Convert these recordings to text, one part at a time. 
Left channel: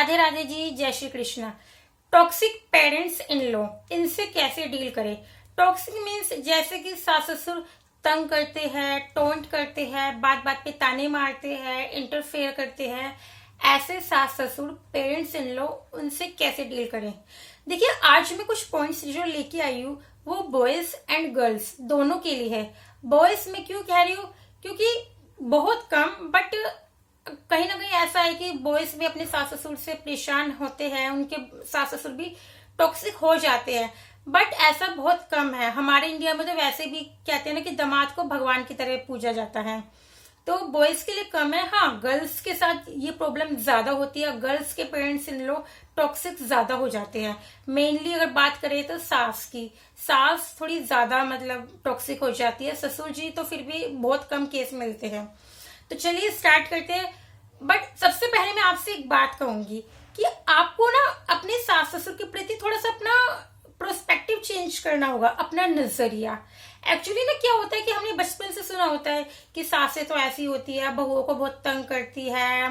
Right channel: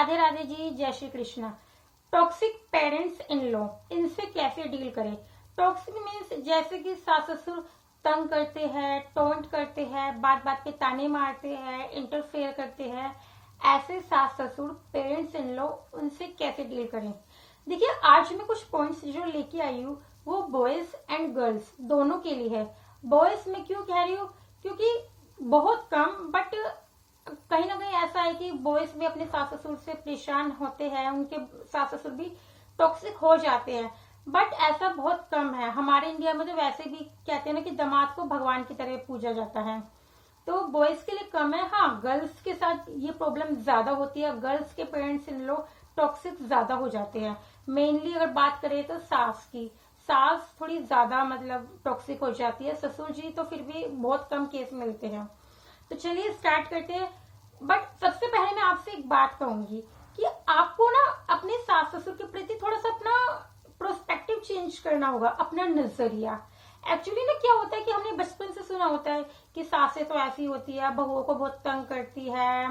राधे राधे जी, जय Shri Krishna. Toxic parents in law, इनसे कैसे डील करें। टॉक्सिक मीन्स जैसे कि सास ससुर तंग करते हैं, टोंट करते हैं, बात बात पे ताने मारते हैं, इंटरफेयर करते हैं, ऐसे सास ससुर पेरेंट्स इन लॉ, उनसे कैसे डील करें। देखिए, आज मैं कुछ पॉइंट्स जो लेके आई हूँ वो बॉयज एंड गर्ल्स दोनों के लिए है। बॉयज में क्यों कह रही हूँ, क्योंकि बहुत कम बट कहीं ना कहीं ऐसा है कि बॉयज भी अपने सास ससुर से परेशान होते हैं, उनके सास ससुर भी टॉक्सिक हो जाते हैं, बट ऐसा बहुत कम है। हमारे इंडिया में तो वैसे भी कहते हैं ना कि दामाद को भगवान की तरह पूजा जाता है, तो बॉयज के लिए कम है। हाँ, गर्ल्स के साथ ये प्रॉब्लम ज्यादा होती है। गर्ल्स के पेरेंट्स इन लोग टॉक्सिक ज्यादा हो जाते हैं। मेनली अगर बात करें तो सास की, सास थोड़ी ज्यादा मतलब टॉक्सिक हो जाती है। ससुर जी तो फिर भी बहुत कम केस मिलते हैं। तो चलिए स्टार्ट करते हैं। बट सबसे पहले मैं आपसे एक बात कहूंगी कि आपको ना अपने सास ससुर के प्रति थोड़ा सा अपना प्रोस्पेक्टिव चेंज करना होगा, अपना नजरिया। एक्चुअली ना क्या होता है कि हमने बचपन से सुना होता है कि सासें तो ऐसी होती है, बहुओं को बहुत तंग करती है,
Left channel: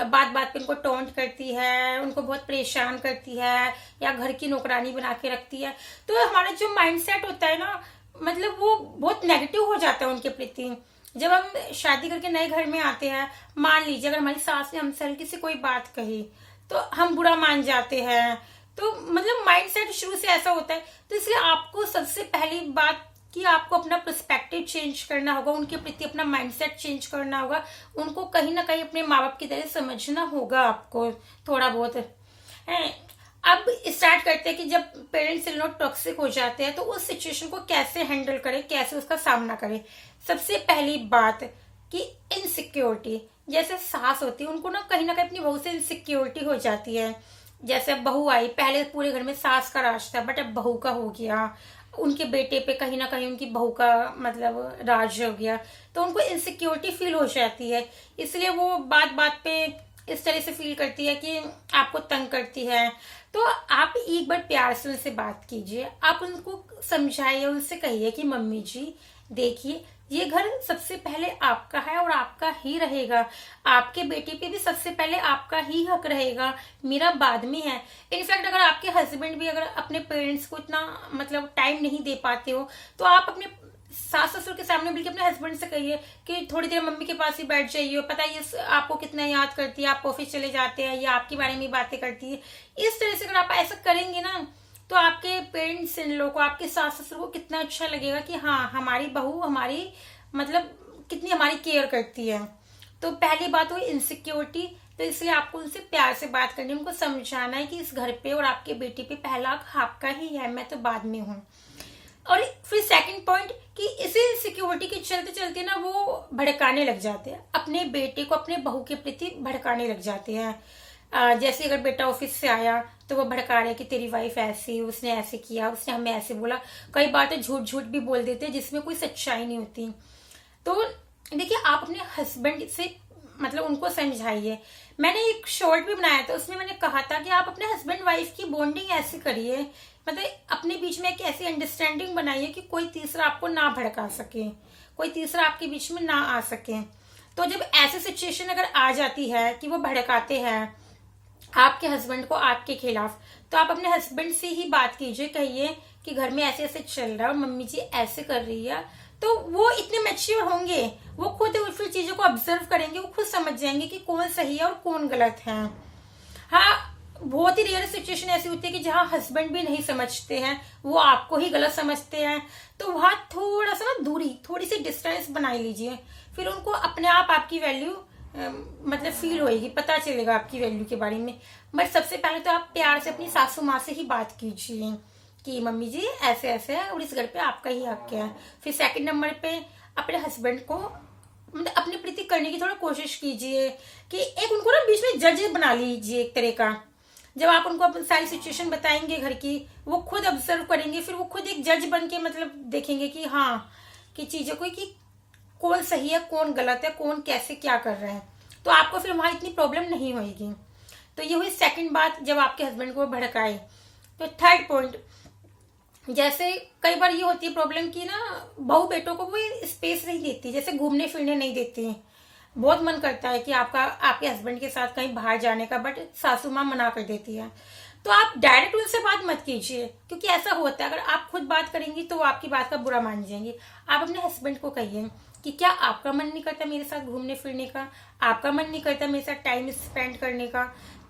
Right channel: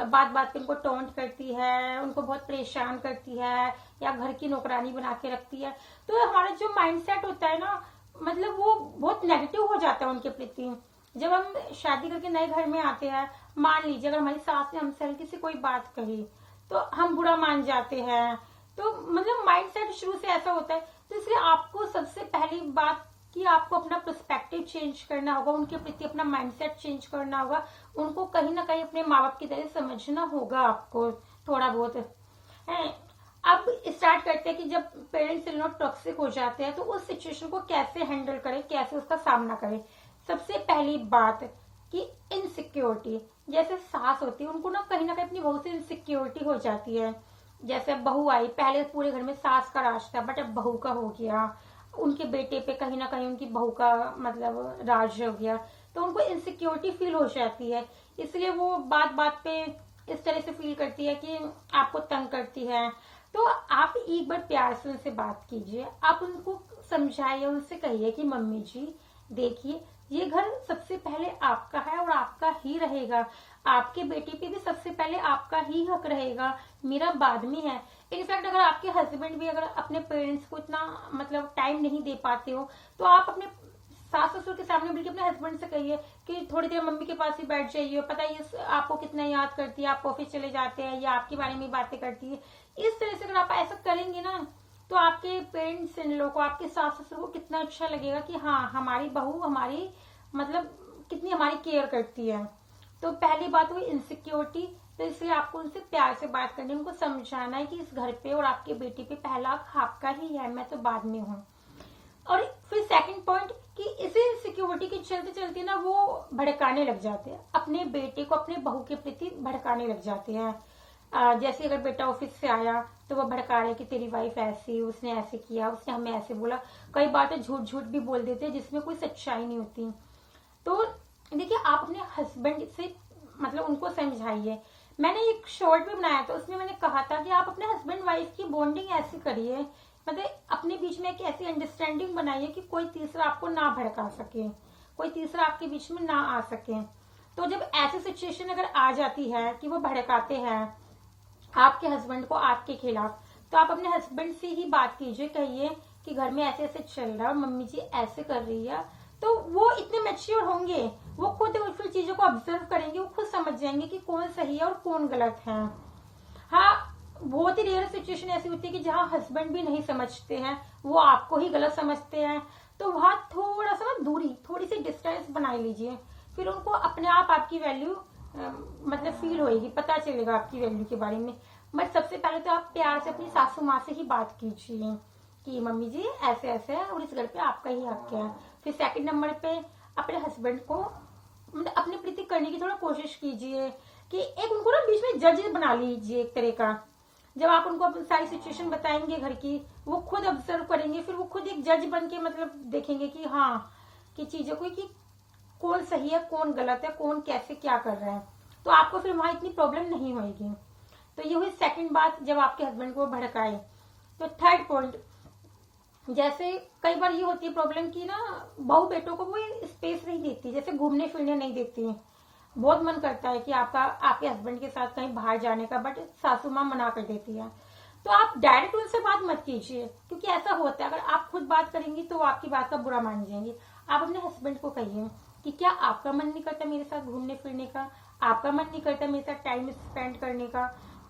बात बात पे उनको टोंट करती है, उनको बहुत परेशान करती है, या घर की नौकरानी बना के रखती है। तो हमारा जो माइंडसेट होता है ना, मतलब वो बहुत नेगेटिव हो जाता है उनके प्रति। जब हम शादी करके नए घर में आते हैं, मान लीजिए अगर हमारी सास ने हमसे हल्की से कोई बात कही तो हम बुरा मान जाते हैं। तो मतलब माइंडसेट शुरू से ऐसा होता है। तो इसलिए आपको सबसे पहली बात कि आपको अपना पर्सपेक्टिव चेंज करना होगा, उनके प्रति अपना माइंडसेट चेंज करना होगा, उनको कहीं ना कहीं अपने माँ बाप की तरह समझना होगा आपको थोड़ा बहुत है। अब स्टार्ट करते हैं कि जब पेरेंट्स इन लोग टॉक्सिक हो जाते हैं तो उस सिचुएशन को कैसे हैंडल करें, कैसे उसका सामना करें। सबसे पहली बात कि इनसिक्योरिटी, जैसे सास होती है उनको ना कहीं अपनी बहू से इनसिक्योरिटी हो जाती है। जैसे अब बहू आई, पहले पूरे घर में सास का राज था, बट अब बहू का हो गया, उनके बेटे पे कहीं ना कहीं उनकी बहू का मतलब राज हो गया, तो उनको इनसिक्योरिटी फील हो जाती है। इसलिए वो बात बात पे इस तरह से फील करती है कि आपको तंग करती है। तो आप एक बार प्यार से उनसे बात कीजिए, आप उनको समझाइए, उनसे कहिए कि मम्मी जी देखिए, ये घर सबसे पहले आपका है और आपका ही रहेगा, आपके बेटे पे भी सबसे पहले आपका ही हक रहेगा, मेरा बाद में है। इनफैक्ट अगर आपके हस्बैंड भी अगर अपने पेरेंट्स को इतना मतलब टाइम नहीं दे पाते हो तो आप अपने सास ससुर के सामने बल्कि अपने हस्बैंड से कहिए कि थोड़ी देर मम्मी के पास ही बैठ जाइए, पता है ये आपको कितना याद करती है, आप ऑफिस चले जाते हैं या आपके बारे में बातें करती है। इस तरह से अगर आप ऐसा करेंगे ना तो आपके पेरेंट्स इन लोगों को, आपके सास ससुर को कितना अच्छा लगेगा कि हाँ, हमारी बहू हमारी मतलब कितनी हमारी केयर करती है। तो पहली बात हुई इनसिक्योरिटी। तो इसलिए आपको उनसे प्यार से बात करनी है, उनको समझाना है कि इस घर पे और आपके बेटे पे पहला हक आपका ही है, मैं तो बाद में हूँ। और फिर सेकंड पॉइंट कि इसी इनसिक्योरिटी के चलते चलते ना वो भड़काने लग जाते हैं, अपने बेटे को अपने बहू के प्रति भड़काने लग जाते हैं। जैसे अगर बेटा ऑफिस से आया तो वो भड़का रहे कि तेरी वाइफ ऐसी, उसने ऐसे किया, उसने हमें ऐसे बोला। कई बार तो झूठ झूठ भी बोल देते हैं जिसमें कोई सच्चाई नहीं होती। तो देखिए, आप अपने हस्बैंड से मतलब उनको समझाइए। मैंने एक शॉर्ट भी बनाया था, उसमें मैंने कहा था कि आप अपने हस्बैंड वाइफ की बॉन्डिंग ऐसी करिए, मतलब अपने बीच में एक ऐसी अंडरस्टैंडिंग बनाइए कि कोई तीसरा आपको ना भड़का सके, कोई तीसरा आपके बीच में ना आ सके। तो जब ऐसी सिचुएशन अगर आ जाती है कि वो भड़काते हैं आपके हस्बैंड को आपके खिलाफ, तो आप अपने हस्बैंड से ही बात कीजिए, कहिए कि घर में ऐसे ऐसे चल रहा है, मम्मी जी ऐसे कर रही है। तो वो इतने मैच्योर होंगे, वो खुद फिर चीजों को ऑब्जर्व करेंगे, वो खुद समझ जाएंगे कि कौन सही है और कौन गलत है। हाँ, बहुत ही रेयर सिचुएशन ऐसी होती है कि जहाँ हस्बैंड भी नहीं समझते हैं, वो आपको ही गलत समझते हैं, तो वहां थोड़ा सा ना दूरी, थोड़ी सी डिस्टेंस बना लीजिए। फिर उनको अपने आप आपकी वैल्यू मतलब फील होएगी, पता चलेगा आपकी वैल्यू के बारे में। बट सबसे पहले तो आप प्यार से अपनी सासू माँ से ही बात कीजिए कि मम्मी जी ऐसे ऐसे है और इस घर पे आपका ही हक है। फिर सेकंड नंबर पे अपने हस्बैंड को मतलब अपने प्रति करने की थोड़ा कोशिश कीजिए कि एक उनको ना बीच में जज बना लीजिए एक तरह का। जब आप उनको अपनी सारी सिचुएशन बताएंगे घर की, वो खुद ऑब्जर्व करेंगे, फिर वो खुद एक जज बन के मतलब देखेंगे कि हाँ, कि चीजों को कि कौन सही है कौन गलत है, कौन कैसे क्या कर रहा है। तो आपको फिर वहां इतनी प्रॉब्लम नहीं होगी। तो ये हुई सेकंड बात, जब आपके हस्बैंड को भड़काए। तो थर्ड पॉइंट, जैसे कई बार ये होती है प्रॉब्लम की ना बहू बेटों को वो स्पेस नहीं देती, जैसे घूमने फिरने नहीं देती, बहुत मन करता है कि आपके हस्बैंड के साथ कहीं बाहर जाने का, बट सासू माँ मना कर देती है। तो आप डायरेक्ट उनसे बात मत कीजिए, क्योंकि ऐसा होता है अगर आप खुद बात करेंगी तो वो आपकी बात का बुरा मान जाएंगे। आप अपने हस्बैंड को कहिए कि क्या आपका मन नहीं करता मेरे साथ घूमने फिरने का, आपका मन नहीं करता मेरे साथ टाइम स्पेंड करने का।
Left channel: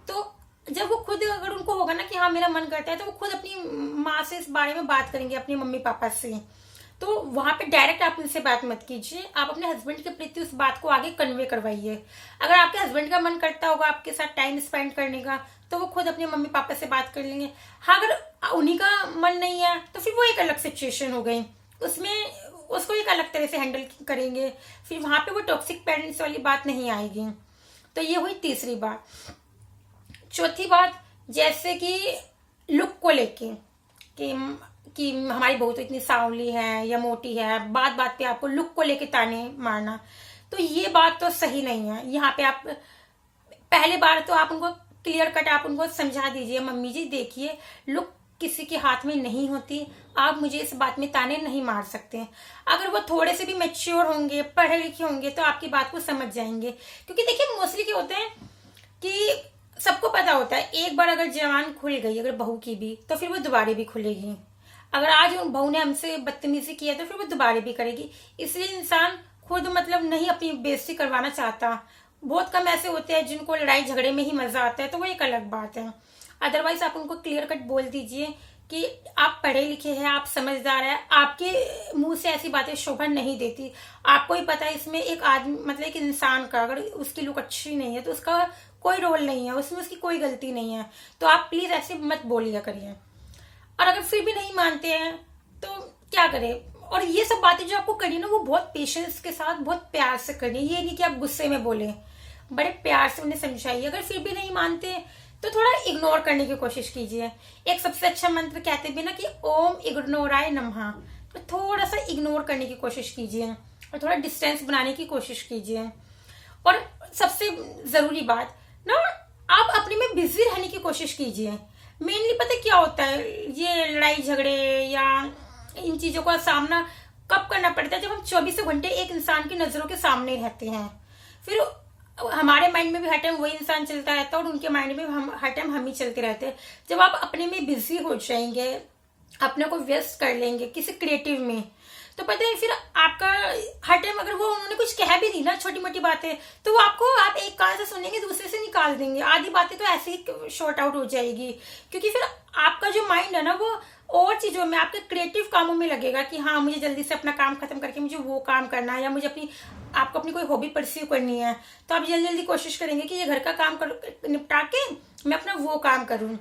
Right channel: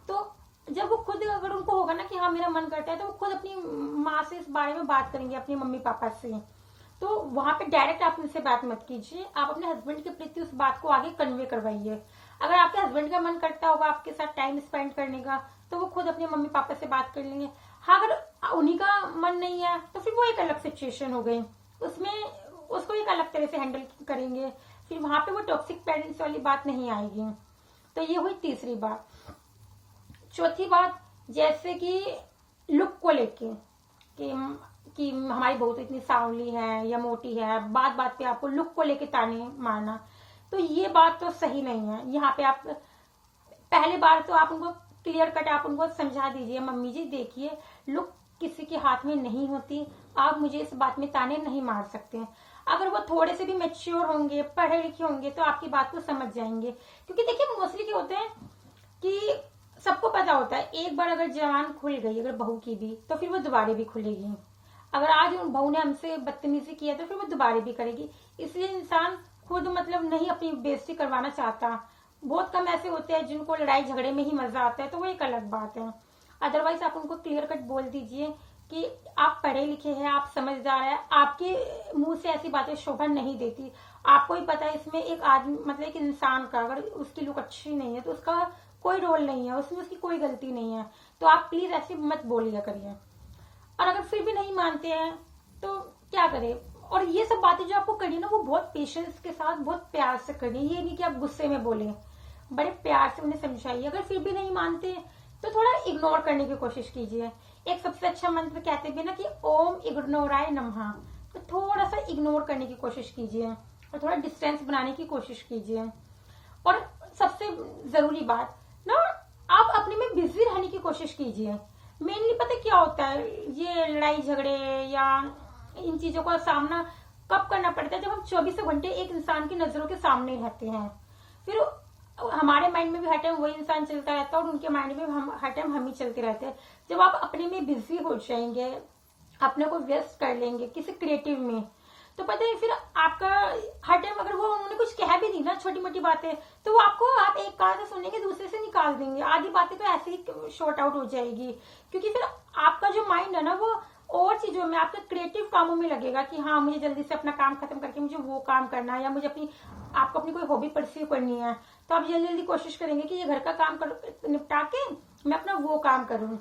तो जब वो खुद, अगर उनको होगा ना कि हाँ मेरा मन करता है, तो वो खुद अपनी माँ से इस बारे में बात करेंगे, अपनी मम्मी पापा से। तो वहां पे डायरेक्ट आप उनसे बात मत कीजिए, आप अपने हस्बैंड के प्रति उस बात को आगे कन्वे करवाइए। अगर आपके हस्बैंड का मन करता होगा आपके साथ टाइम स्पेंड करने का, तो वो खुद अपने मम्मी पापा से बात कर लेंगे। हाँ, अगर उन्हीं का मन नहीं है तो फिर वो एक अलग सिचुएशन हो गई, उसमें उसको एक अलग तरह से हैंडल करेंगे, फिर वहां पे वो टॉक्सिक पेरेंट्स वाली बात नहीं आएगी। तो ये हुई तीसरी बात। चौथी बात, जैसे कि लुक को लेके कि कि हमारी बहू तो इतनी सांवली है या मोटी है, बात बात पे आपको लुक को लेके ताने मारना, तो ये बात तो सही नहीं है। यहाँ पे आप पहले बार तो आप उनको क्लियर कट आप उनको समझा दीजिए, मम्मी जी देखिए लुक किसी के हाथ में नहीं होती, आप मुझे इस बात में ताने नहीं मार सकते। अगर वो थोड़े से भी मैच्योर होंगे, पढ़े लिखे होंगे, तो आपकी बात को समझ जाएंगे। क्योंकि देखिए मोस्टली क्या होता है कि सबको पता होता है एक बार अगर जवान खुल गई अगर बहू की भी, तो फिर वो दोबारा भी खुलेगी। अगर आज बहू ने हमसे बदतमीजी किया तो फिर वो दोबारा भी करेगी। इसलिए इंसान खुद मतलब नहीं अपनी बेइज्जती करवाना चाहता। बहुत कम ऐसे होते हैं जिनको लड़ाई झगड़े में ही मजा आता है, तो वो एक अलग बात है। अदरवाइज आप उनको क्लियर कट बोल दीजिए कि आप पढ़े लिखे हैं, आप समझदार हैं, आपके मुंह से ऐसी बातें शोभा नहीं देती। आपको ही पता है इसमें एक आदमी मतलब एक इंसान का अगर उसकी लुक अच्छी नहीं है तो उसका कोई रोल नहीं है, उसमें उसकी कोई गलती नहीं है। तो आप प्लीज ऐसे मत बोलिया करिए। और अगर फिर भी नहीं मानते हैं तो क्या करें। और ये सब बातें जो आपको करनी ना, वो बहुत पेशेंस के साथ बहुत प्यार से करनी। ये नहीं कि आप गुस्से में बोले, बड़े प्यार से उन्हें समझाइए। अगर फिर भी नहीं मानते तो थोड़ा इग्नोर करने की कोशिश कीजिए। एक सबसे अच्छा मंत्र कहते भी ना कि ओम इग्नोराय नमः, तो थोड़ा सा इग्नोर करने की कोशिश कीजिए और थोड़ा डिस्टेंस बनाने की कोशिश कीजिए। और सबसे जरूरी बात ना, आप अपने में बिजी रहने की कोशिश कीजिए। मेनली पता क्या होता है, ये लड़ाई झगड़े या इन चीजों का सामना कब करना पड़ता है, जब हम 24 घंटे एक इंसान की नजरों के सामने रहते हैं। फिर हमारे माइंड में भी हर टाइम वही इंसान चलता रहता है और उनके माइंड में हम हर टाइम हम ही चलते रहते हैं। जब आप अपने में बिजी हो जाएंगे, अपने को व्यस्त कर लेंगे किसी क्रिएटिव में, तो पता है फिर आपका हर टाइम अगर वो उन्होंने कुछ कह भी दी ना छोटी मोटी बातें, तो वो आपको आप एक कान से सुनेंगे दूसरे से निकाल देंगे। आधी बातें तो ऐसे ही शॉर्ट आउट हो जाएगी, क्योंकि फिर आपका जो माइंड है ना वो और चीजों में, आपके क्रिएटिव कामों में लगेगा कि हाँ मुझे जल्दी से अपना काम खत्म करके मुझे वो काम करना है, या मुझे आपको अपनी कोई हॉबी परस्यू करनी है, तो आप जल्दी जल्दी कोशिश करेंगे कि ये घर का काम निपटा के मैं अपना वो काम करूँ।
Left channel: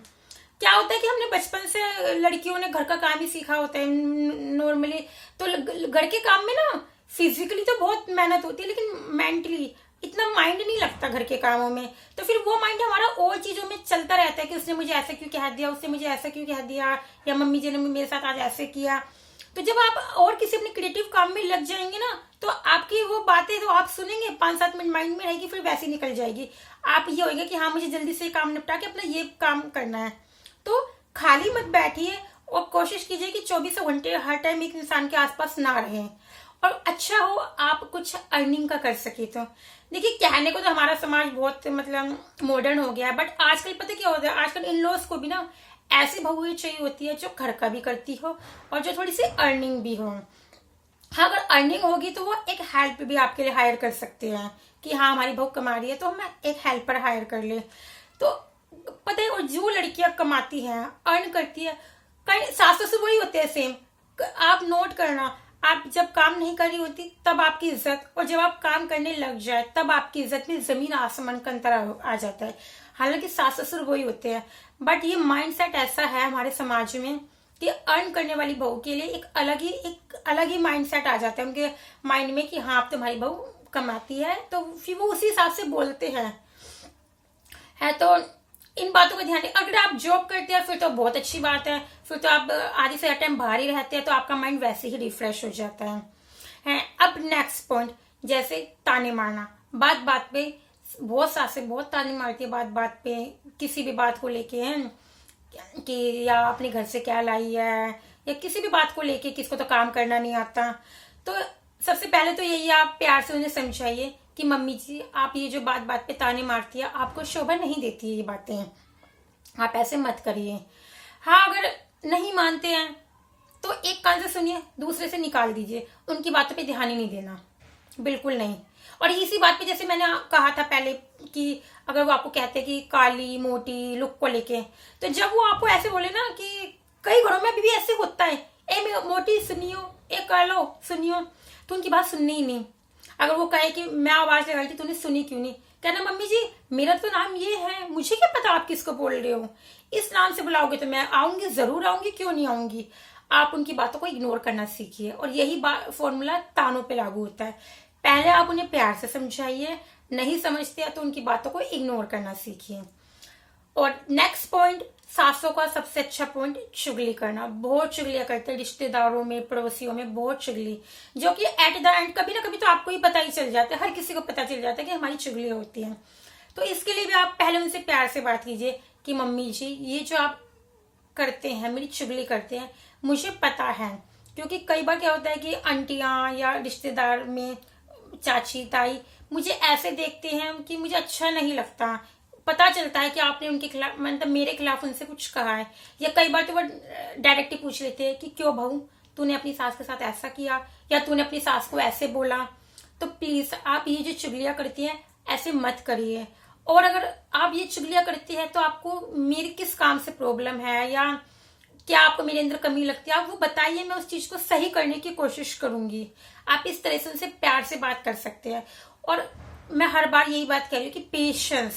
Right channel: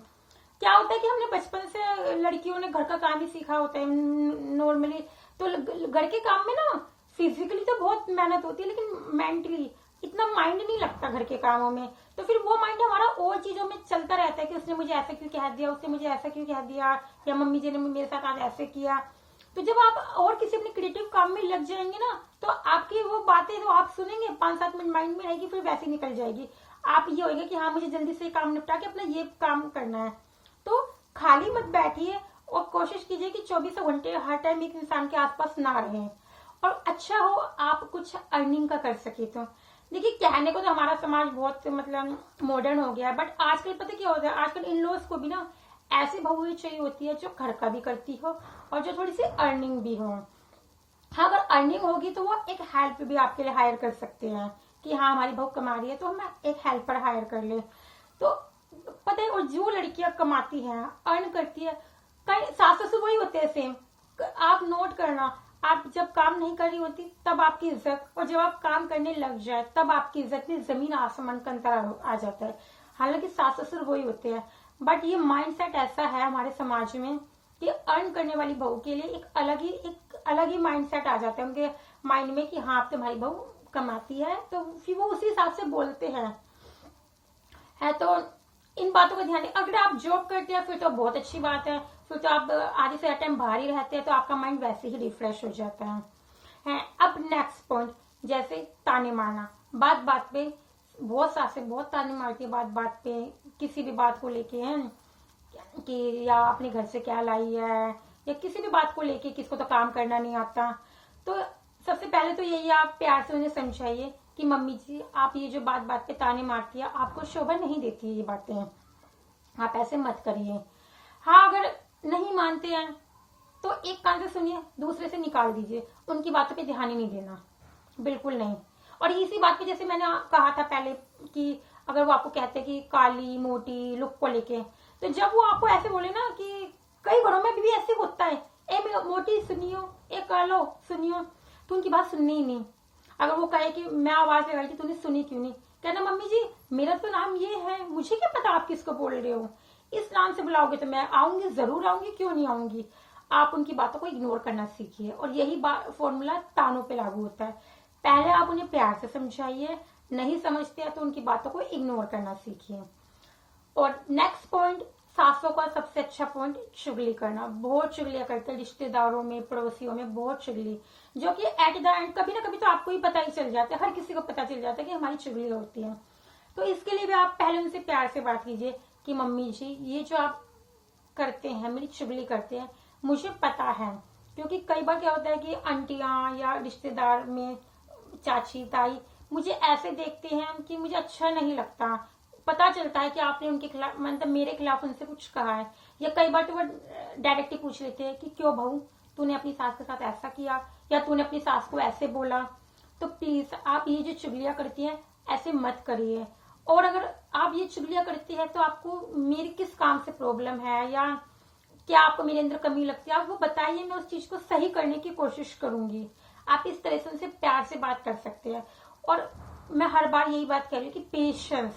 क्या होता है कि हमने बचपन से लड़कियों ने घर का काम ही सीखा होता है नॉर्मली, तो घर के काम में ना फिजिकली तो बहुत मेहनत होती है, लेकिन मेंटली इतना माइंड नहीं लगता घर के कामों में। तो फिर वो माइंड हमारा और चीजों में चलता रहता है कि उसने मुझे ऐसा क्यों कह दिया, उसने मुझे ऐसा क्यों कह दिया, या मम्मी जी ने मेरे साथ आज ऐसे किया। तो जब आप और किसी अपने क्रिएटिव काम में लग जाएंगे ना, तो आपकी वो बातें तो आप सुनेंगे 5-7 मिनट माइंड में रहेगी, फिर वैसे निकल जाएगी। आप ये होगा कि हाँ मुझे जल्दी से काम निपटा के अपना ये काम करना है। तो खाली मत बैठिए और कोशिश कीजिए कि 24 घंटे हर टाइम एक इंसान के आसपास ना रहें। और अच्छा हो आप कुछ अर्निंग का कर सके। तो देखिए कहने को तो हमारा समाज बहुत मतलब मॉडर्न हो गया है, बट आजकल पता क्या होता है, आजकल इन लॉज को भी ना ऐसी बहुएं चाहिए होती है जो घर का भी करती हो और जो थोड़ी सी अर्निंग भी हो। हाँ, अगर अर्निंग होगी तो वो एक हेल्प भी आपके लिए हायर कर सकते हैं कि हाँ हमारी बहू कमा रही है तो हम एक हेल्पर हायर कर ले। तो पता है, और जो लड़कियां कमाती हैं अर्न करती है, कहीं सास ससुर वही होते हैं सेम। आप नोट करना, आप जब काम नहीं कर रही होती तब आपकी इज्जत, और जब आप काम करने लग जाए तब आपकी इज्जत में जमीन आसमान का अंतर आ जाता है। हालांकि सास ससुर वही होते हैं, बट ये माइंडसेट ऐसा है हमारे समाज में कि अर्न करने वाली बहू के लिए एक अलग ही माइंडसेट आ जाता है उनके माइंड में कि हाँ अब तुम्हारी बहू कमाती है, तो फिर वो उसी हिसाब से बोलते हैं। तो इन बातों का ध्यान रखें। अगर आप जॉब करते हैं फिर तो बहुत अच्छी बात है, फिर तो आप आधे से टाइम बाहर ही रहते हैं, तो आपका माइंड वैसे ही रिफ्रेश हो जाता है। अब नेक्स्ट पॉइंट, जैसे ताने मारना। बात बात पे बहुत सासें बहुत ताने मारती है, बात बात पे किसी भी बात को लेके हैं कि या अपने घर से क्या लाई है, या किसी भी बात को लेके, किसको तो काम करना नहीं आता। तो सबसे पहले तो यही आप प्यार से उन्हें समझाइए कि मम्मी जी आप ये जो बात बात पे ताने मारती है, आपको शोभा नहीं देती है ये बातें, आप ऐसे मत करिए। हाँ, अगर नहीं मानते हैं तो एक कान से सुनिए, दूसरे से निकाल दीजिए, उनकी बातों पे ध्यान ही नहीं देना, बिल्कुल नहीं। और इसी बात पे जैसे मैंने कहा था पहले कि अगर वो आपको कहते हैं कि काली मोटी लुक को लेके, तो जब वो आपको ऐसे बोले ना, कि कई घरों में अभी भी ऐसे होता है, ए मोटी सुनियो, ए कालो सुनियो, तो उनकी बात सुननी ही नहीं। अगर वो कहे कि मैं आवाज लगाई थी तूने सुनी क्यों नहीं, कहना मम्मी जी मेरा तो नाम ये है, मुझे क्या पता आप किसको बोल रहे हो, इस नाम से बुलाओगे तो मैं आऊंगी, जरूर आऊंगी, क्यों नहीं आऊंगी। आप उनकी बातों को इग्नोर करना सीखिए, और यही फॉर्मूला तानों पे लागू होता है। पहले आप उन्हें प्यार से समझाइए, नहीं समझते हैं तो उनकी बातों को इग्नोर करना सीखिए। और नेक्स्ट पॉइंट, सासों का सबसे अच्छा पॉइंट, चुगली करना। बहुत चुगलियां करते हैं रिश्तेदारों में, पड़ोसियों में, बहुत चुगली, जो कि एट द एंड कभी ना कभी तो आपको ही पता ही चल जाता है, हर किसी को पता चल जाता है कि हमारी चुगली होती है। तो इसके लिए भी आप पहले उनसे प्यार से बात कीजिए कि मम्मी जी ये जो आप करते हैं, मेरी चुगली करते हैं, मुझे पता है। क्योंकि कई बार क्या होता है कि आंटियां या रिश्तेदार में चाची ताई मुझे ऐसे देखते हैं कि मुझे अच्छा नहीं लगता, पता चलता है कि आपने उनके खिलाफ, मतलब मेरे खिलाफ उनसे कुछ कहा है, या कई बार तो वो डायरेक्टली पूछ लेते हैं कि क्यों बहू तूने अपनी सास के साथ ऐसा किया, या तूने अपनी सास को ऐसे बोला। तो प्लीज आप ये जो चुगलियां करती हैं ऐसे मत करिए। और अगर आप ये चुगलियां करती है तो आपको मेरे किस काम से प्रॉब्लम है, या क्या आपको मेरे अंदर कमी लगती है, आप वो बताइए, मैं उस चीज को सही करने की कोशिश करूंगी। आप इस तरह से उनसे प्यार से बात कर सकते हैं। और मैं हर बार यही बात कह रही हूँ कि पेशेंस,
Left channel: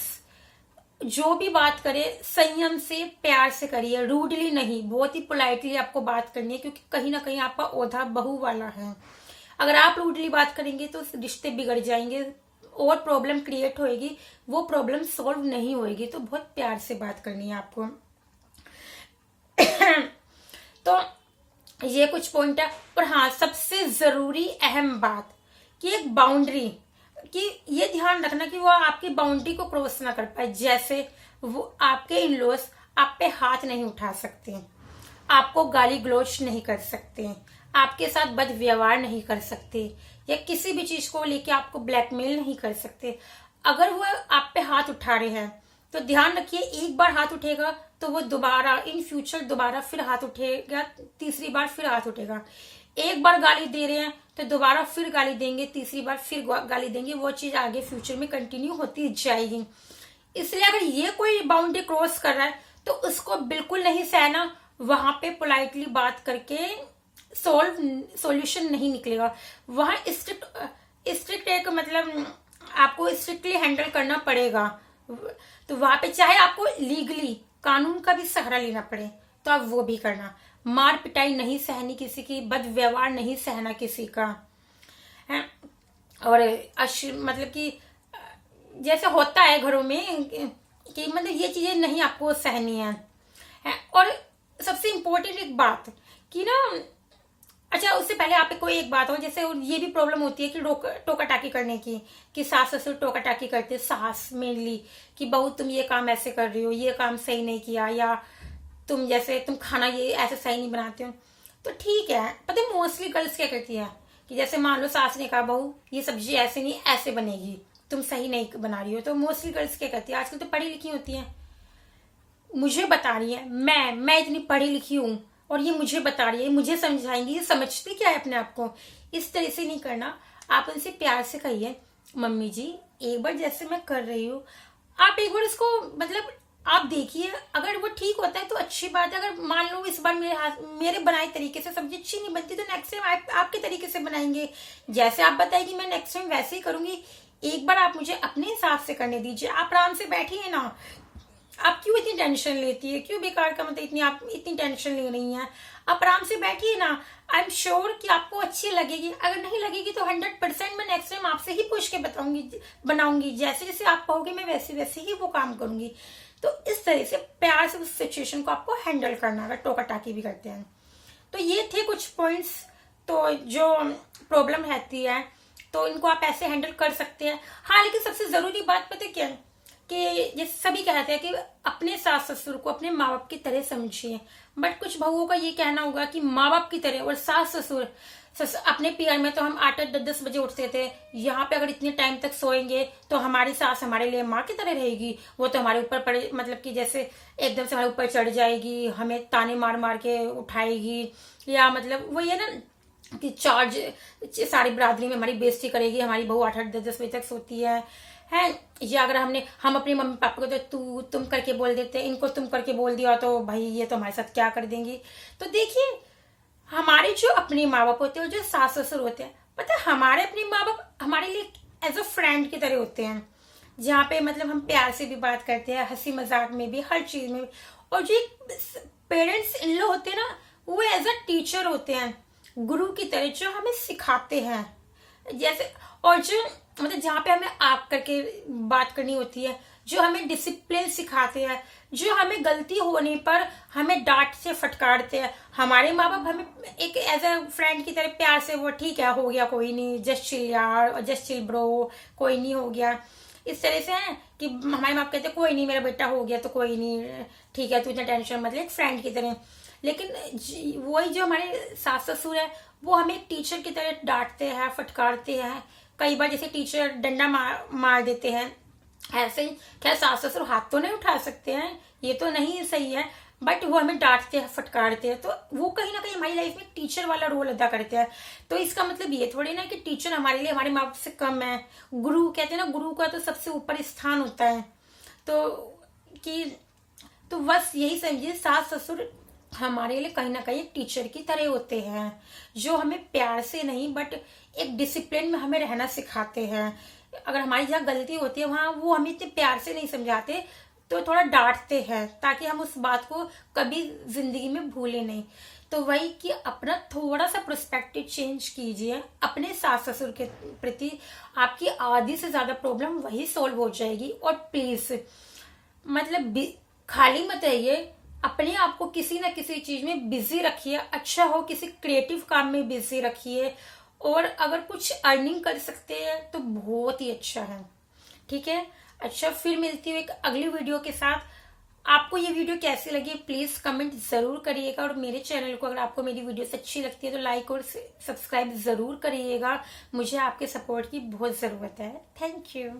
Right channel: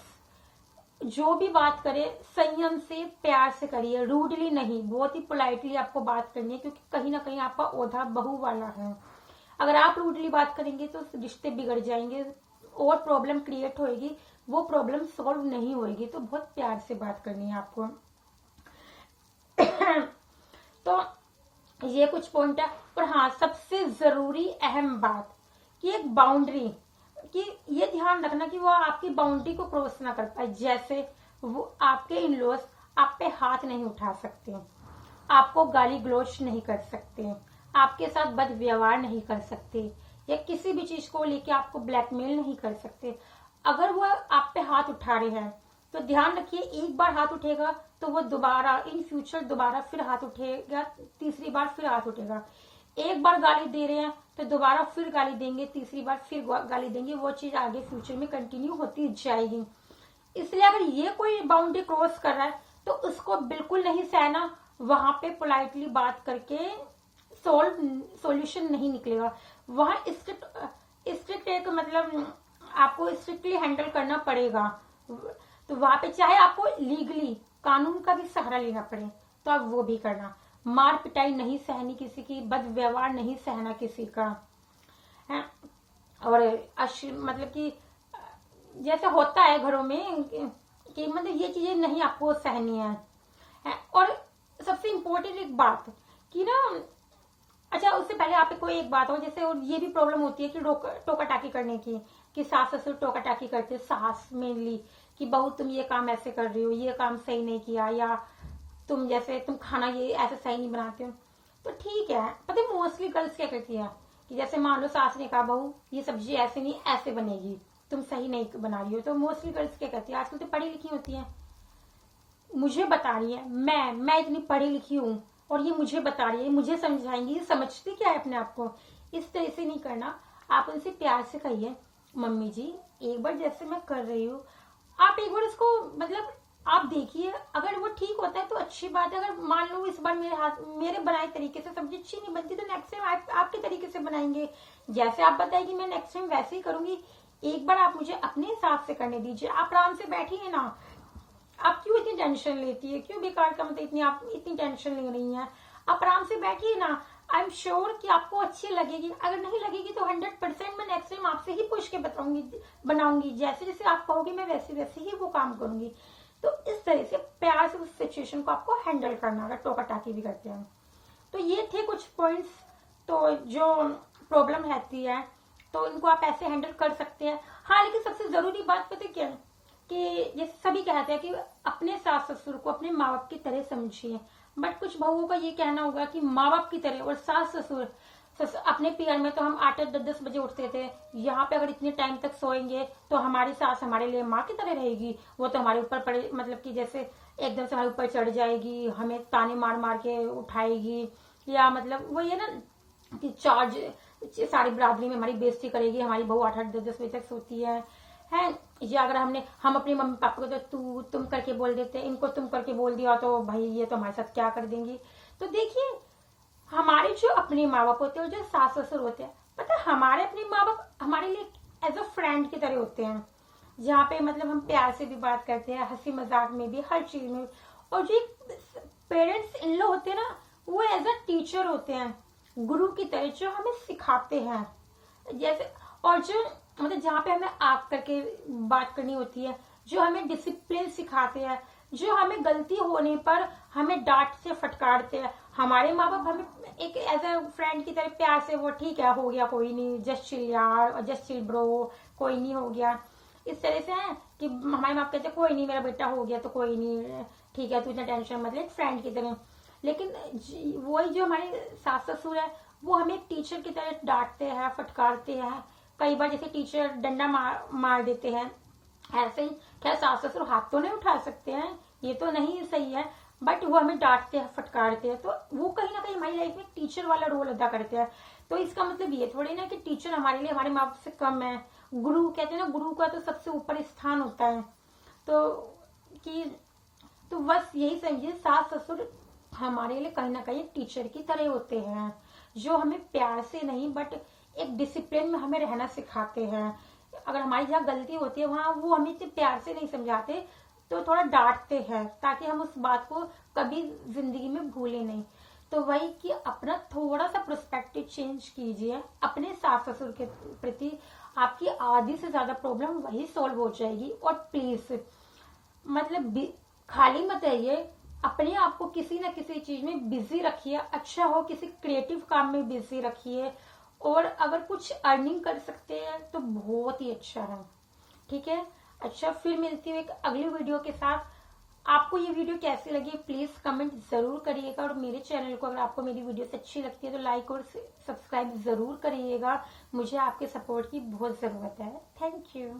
जो भी बात करे संयम से प्यार से करिए, रूडली नहीं, बहुत ही पोलाइटली आपको बात करनी है, क्योंकि कहीं ना कहीं आपका ओहदा बहू वाला है। अगर आप रूडली बात करेंगे तो रिश्ते बिगड़ जाएंगे और प्रॉब्लम क्रिएट होएगी, वो प्रॉब्लम सॉल्व नहीं होएगी। तो बहुत प्यार से बात करनी है आपको। तो ये कुछ पॉइंट है। और हाँ, सबसे जरूरी अहम बात कि एक बाउंड्री, कि ये ध्यान रखना कि वो आपकी बाउंड्री को क्रॉस ना कर पाए। जैसे वो आपके इन लॉज आप पे हाथ नहीं उठा सकते, आपको गाली गलौज नहीं कर सकते, आपके साथ बद व्यवहार नहीं कर सकते, या किसी भी चीज को लेके आपको ब्लैकमेल नहीं कर सकते। अगर वो आप पे हाथ उठा रहे हैं तो ध्यान रखिए, एक बार हाथ उठेगा तो वो दोबारा इन फ्यूचर दोबारा फिर हाथ उठेगा, तीसरी बार फिर हाथ उठेगा। एक बार गाली दे रहे हैं तो दोबारा फिर गाली देंगे, तीसरी बार फिर गाली देंगे, वो चीज आगे फ्यूचर में कंटिन्यू होती जाएगी। इसलिए अगर ये कोई बाउंड्री क्रॉस कर रहा है तो उसको बिल्कुल नहीं सहना, वहां पे पोलाइटली बात करके सॉल्यूशन नहीं निकलेगा। वहां स्ट्रिक्ट एक मतलब आपको स्ट्रिक्टली हैंडल करना पड़ेगा। तो वहां पे चाहे आपको लीगली कानून का भी सहारा लेना पड़े तो आप वो भी करना। मार पिटाई नहीं सहनी किसी की, बद व्यवहार नहीं सहना किसी का है। और मतलब कि जैसे होता है घरों में कि मतलब ये चीजें नहीं आपको सहनी है। और सबसे इम्पोर्टेंट एक बात कि ना, अच्छा उससे पहले आप कोई एक बात हो, जैसे ये भी प्रॉब्लम होती है कि टोका टाकी करने की, कि सास ससुर टोका टाकी करते हैं, सास मेनली कि बहू तुम ये काम ऐसे कर रही हो, ये काम सही नहीं किया, या तुम खाना ये ऐसे सही नहीं बनाते हो। तो ठीक है, पता है मोस्टली गर्ल्स क्या करती है कि जैसे मान लो सास ने कहा बहू ये सब्जी ऐसे नहीं ऐसे बनेगी, तुम सही नहीं बना रही हो, तो मोस्टली गर्ल्स क्या करती है, आजकल तो पढ़ी लिखी होती है, मुझे बता रही है, मैं इतनी पढ़ी लिखी हूँ और ये मुझे बता रही है, मुझे समझाएंगी, ये समझती क्या है अपने आप को। इस तरह से नहीं करना। आप उनसे प्यार से कहिए मम्मी जी एक बार जैसे मैं कर रही हूँ आप एक बार इसको मतलब आप देखिए, अगर वो ठीक होता है तो अच्छी बात है। अगर मान लो इस बार मेरे बनाए तरीके से सब्जी अच्छी नहीं बनती तो नेक्स्ट टाइम आपके तरीके से बनाएंगे, जैसे आप बताएगी मैं नेक्स्ट टाइम वैसे ही करूंगी। एक बार आप मुझे अपने हिसाब से करने दीजिए, आप आराम से बैठिए ना, आप क्यों इतनी टेंशन लेती है, क्यों बेकार का मतलब आप इतनी टेंशन ले रही हैं, आप आराम से बैठिए ना। आई एम श्योर कि आपको अच्छी लगेगी, अगर नहीं लगेगी तो 100% मैं नेक्स्ट टाइम आपसे ही पूछ के बनाऊंगी, जैसे जैसे आप कहोगे मैं वैसे वैसे ही वो काम करूंगी। तो इस तरह से प्यार से उस सिचुएशन को आपको हैंडल करना, अगर टोका टाकी भी करते हैं। तो ये थे कुछ पॉइंट्स, तो जो प्रॉब्लम रहती है तो इनको आप ऐसे हैंडल कर सकते हैं। हाँ, लेकिन सबसे जरूरी बात पता क्या है कि जैसे सभी कहते हैं कि अपने सास ससुर को अपने माँ बाप की तरह समझिए, बट कुछ बहुओं का ये कहना होगा कि माँ बाप की तरह और सास ससुर अपने पीआर में तो हम 8-8 10-10 बजे उठते थे। यहाँ पे अगर इतने टाइम तक सोएंगे तो हमारी सास हमारे लिए माँ की तरह रहेगी। वो तो हमारे ऊपर पड़े, मतलब कि जैसे एकदम से हमारे ऊपर चढ़ जाएगी, हमें ताने मार मार के उठाएगी, या मतलब वो ये ना कि चार्ज सारी बरादरी में हमारी बेइज्जती करेगी। हमारी बहू 8-8 10-10 बजे तक सोती है। या अगर हम अपनी मम्मी पापा को तो तुम करके बोल देते, इनको तुम करके बोल दिया तो भाई ये तो हमारे साथ क्या कर देंगी। तो देखिए, हमारे जो अपने माँ बाप होते हैं, जो सास ससुर होते हैं, पता है हमारे अपने माँ बाप हमारे लिए एज अ फ्रेंड की तरह होते हैं, जहाँ पे मतलब हम प्यार से भी बात करते हैं, हंसी मजाक में भी, हर चीज में। और जो पेरेंट्स इन लोग होते हैं ना, वो एज अ टीचर होते हैं, गुरु की तरह, जो हमें सिखाते हैं। जैसे और जो मतलब जहाँ पे हमें आप करके बात करनी होती है, जो हमें डिसिप्लिन सिखाते हैं, जो हमें गलती होने पर हमें डांट से फटकारते हैं। हमारे माँ बाप हमें एक एज अ फ्रेंड की तरह प्यार से, वो ठीक है, हो गया, कोई नहीं, जस्ट चिल यार, जस्ट चिल ब्रो, कोई नहीं, हो गया, इस तरह से है कि हमारे माँ बाप कहते कोई नहीं मेरा बेटा हो गया तो कोई नहीं, ठीक है, तू इतना टेंशन मत ले, एक फ्रेंड की तरह। लेकिन वही जो हमारे सास ससुर है, वो हमें एक टीचर की तरह डांटते हैं, फटकारते हैं। कई बार जैसे टीचर डंडा मार देते हैं, ऐसे ही। खैर सास ससुर हाथ तो नहीं उठा सकते हैं, ये तो नहीं सही है, बट वो हमें डांटते हैं, फटकारते हैं, तो वो कहीं ना कहीं हमारी लाइफ में टीचर वाला रोल अदा करते हैं। तो इसका मतलब ये थोड़ी ना कि टीचर हमारे लिए हमारे माँ बाप से कम है। गुरु कहते हैं ना, गुरु का तो सबसे ऊपर स्थान होता है। तो कि तो बस यही समझिए, सास ससुर हमारे लिए कहीं ना कहीं एक टीचर की तरह होते हैं, जो हमें प्यार से नहीं बट एक डिसिप्लिन में हमें रहना सिखाते हैं। अगर हमारी जहाँ गलती होती है वहां वो हमें इतने प्यार से नहीं समझाते, तो थोड़ा डांटते हैं, ताकि हम उस बात को कभी जिंदगी में भूले नहीं। तो वही कि अपना थोड़ा सा पर्सपेक्टिव चेंज कीजिए अपने सास ससुर के प्रति, आपकी आधी से ज्यादा प्रॉब्लम वही सॉल्व हो जाएगी। और प्लीज मतलब खाली मत रहिए, अपने आप को किसी ना किसी चीज में बिजी रखिए, अच्छा हो किसी क्रिएटिव काम में बिजी रखिए, और अगर कुछ अर्निंग कर सकते हैं तो बहुत ही अच्छा है। ठीक है, अच्छा, फिर मिलती हूँ एक अगली वीडियो के साथ। आपको ये वीडियो कैसी लगी प्लीज कमेंट जरूर करिएगा, और मेरे चैनल को अगर आपको मेरी वीडियोस अच्छी लगती है तो लाइक और सब्सक्राइब जरूर करिएगा। मुझे आपके सपोर्ट की बहुत जरूरत है। Thank you.